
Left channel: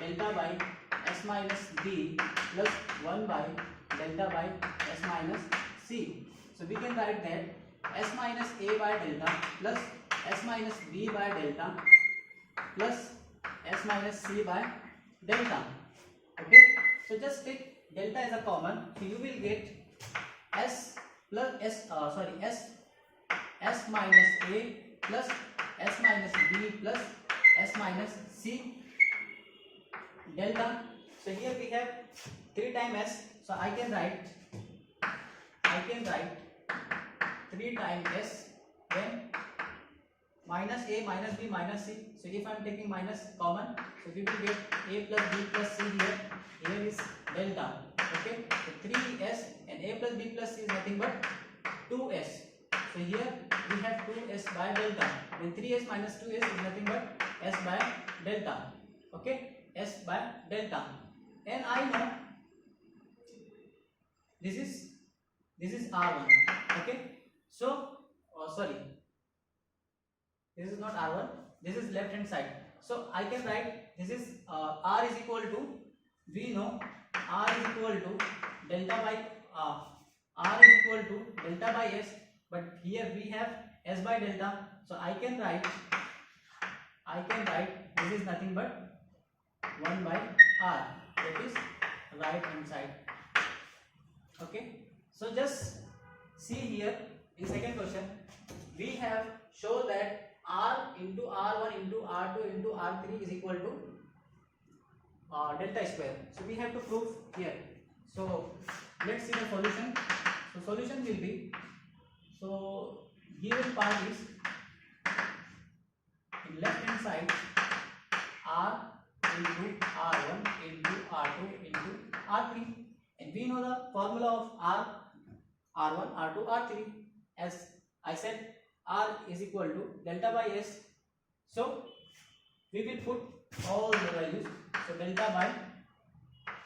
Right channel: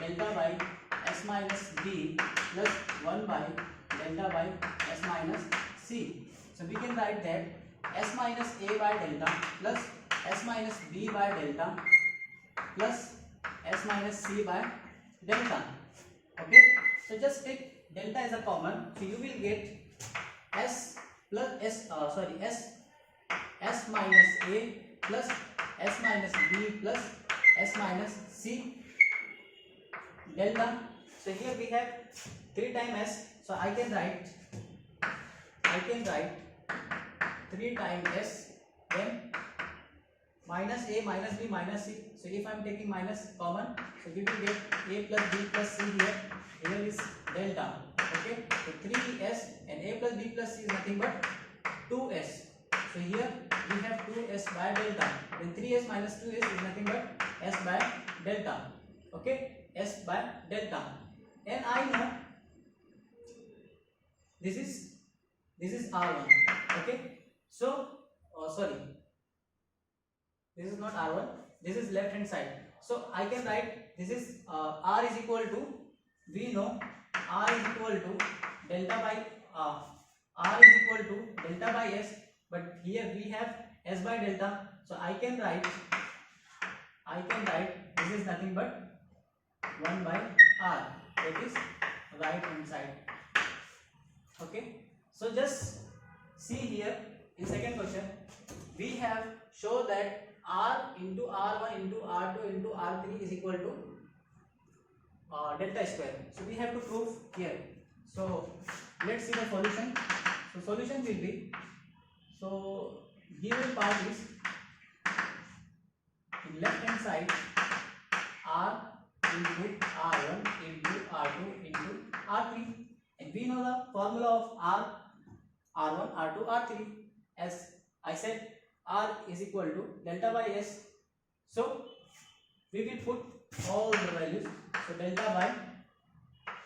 delta by S minus B plus 1 by delta by S minus C. So we can write that S minus A by delta plus S minus B by delta plus S minus C by delta. Okay, so just take delta as a common, so you will get S minus A plus S minus B plus S minus C delta. So here we have 3 times S, so I can write 3 times S, then minus A minus B minus C. So if I am taking minus common, so we will get A plus B plus C here. Here is delta. Okay, so 3S and A plus B plus C is nothing but 2S. So here we have 2S by delta. Then 3S minus 2S is nothing but S by delta. Okay, S by delta. And I know this is R1. Okay, so this is not R1. This is left hand side. So I can write this is R is equal to, we know R is equal to delta by R is equal to delta by S, but here we have S by delta. So I can write this is nothing but 1 by R, that is right hand side. Okay, so just see here in second question we have shown that R into R1 into R2 into R3 is equal to delta square. So we have to prove here. So let's see the solution. So solution will be, so given part is in left hand side R into R1 into R2 into R3, and we know the formula of R1 R2 R3. As I said, R is equal to delta by S. So we will put all the values. So delta by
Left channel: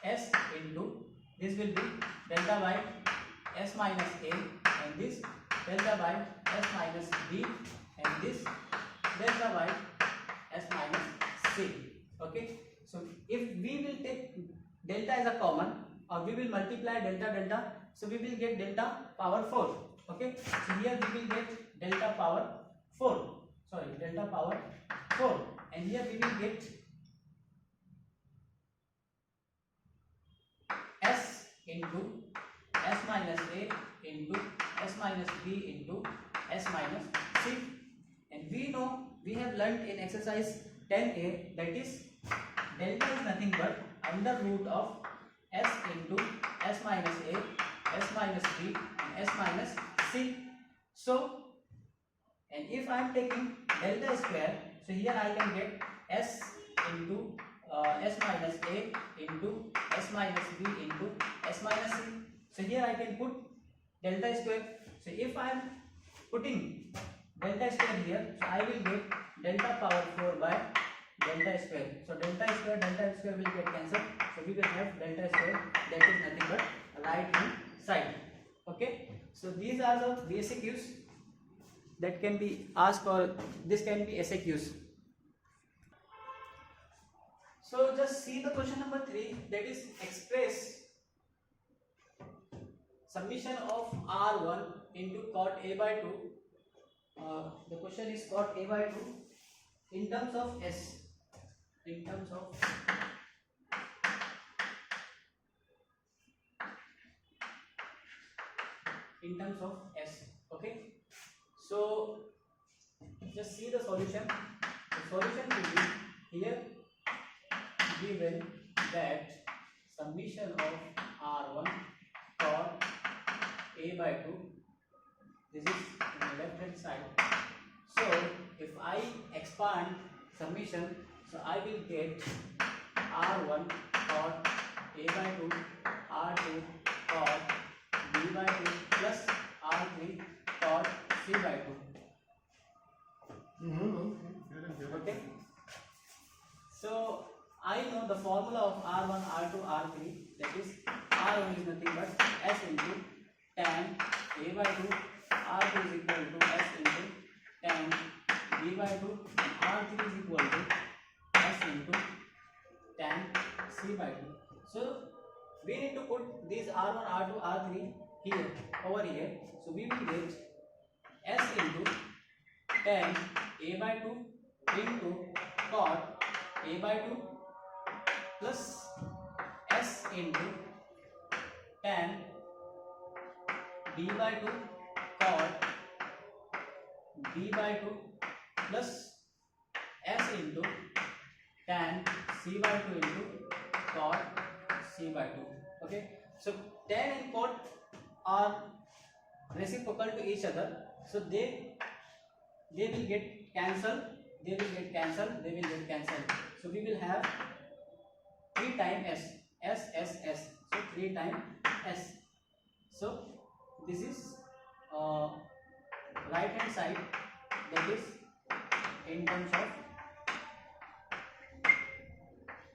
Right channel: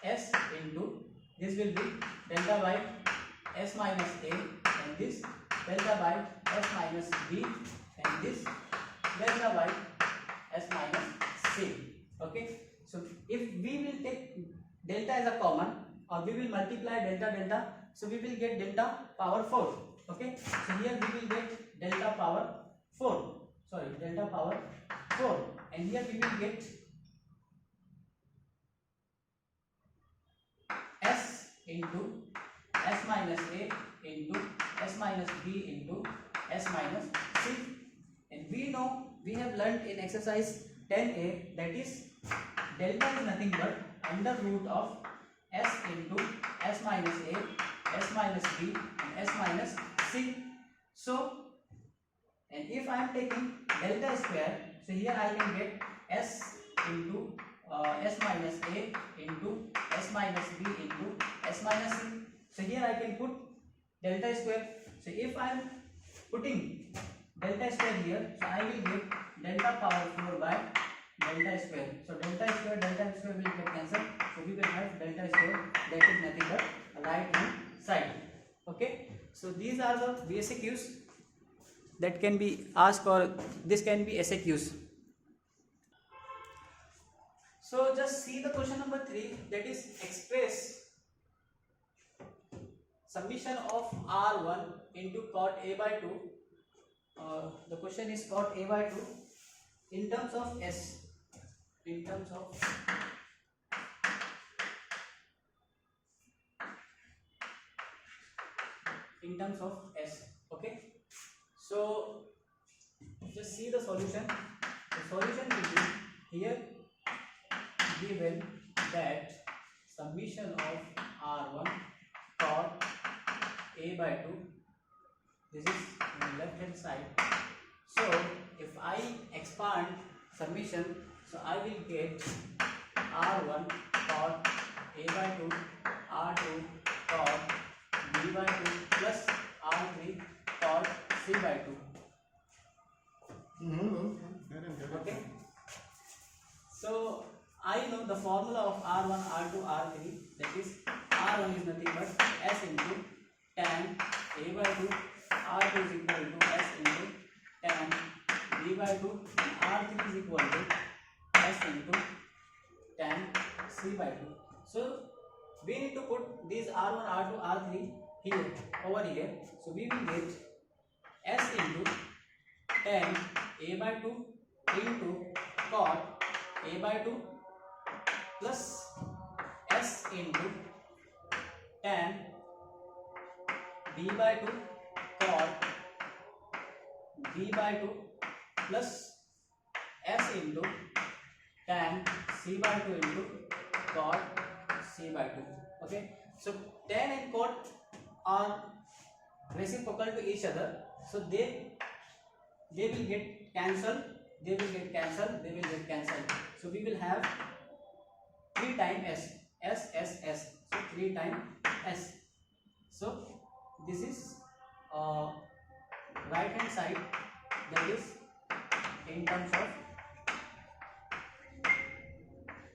S into, this will be delta by S minus A, and this delta by S minus B, and this delta by S minus C. Okay, so if we will take delta as a common, or we will multiply delta, so we will get delta power 4. Okay, so here we will get delta power 4, and here we will get S into S minus A into S minus B into S minus C. And we know, we have learnt in exercise 10a, that is delta is nothing but under root of S into S minus A, S minus B and S minus C. So, and if I am taking delta square, so here I can get S into S minus A into S minus B into S minus C. So here I can put delta square. So if I am putting delta square here, so I will get delta power 4 by delta square. So delta square will get cancelled. So we will have delta square, that is nothing but right hand side. Okay. So these are the basic use that can be asked, or this can be SAQs. So just see the question number 3, that is express summation of R1 into cot A by 2. The question is cot A by 2 in terms of S, in terms of S. Okay, so just see the solution. The solution will be here given that summation of R1 cot A by 2, this is in the left hand side. So if I expand summation, so I will get R1 cot A by 2, R2 cot B by 2 plus R3 cot C by 2. Okay, so I know the formula of R1, R2, R3, that is R1 is nothing but S into tan A by 2, R2 is equal to S into tan B by 2, R3 is equal to S into tan C by 2. So we need to put these R1, R2, R3 here, over here. So we will get S into tan A by 2 into cot A by 2 plus S into tan B by 2 cot B by 2 plus S into tan C by 2 into cot C by 2. Okay, so tan and cot are reciprocal to each other, so they will get cancelled, they will get cancelled. So we will have 3 times S. So 3 times S. So this is right hand side, that is in terms of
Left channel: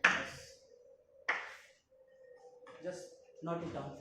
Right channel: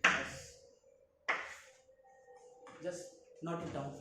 S. Just note it down.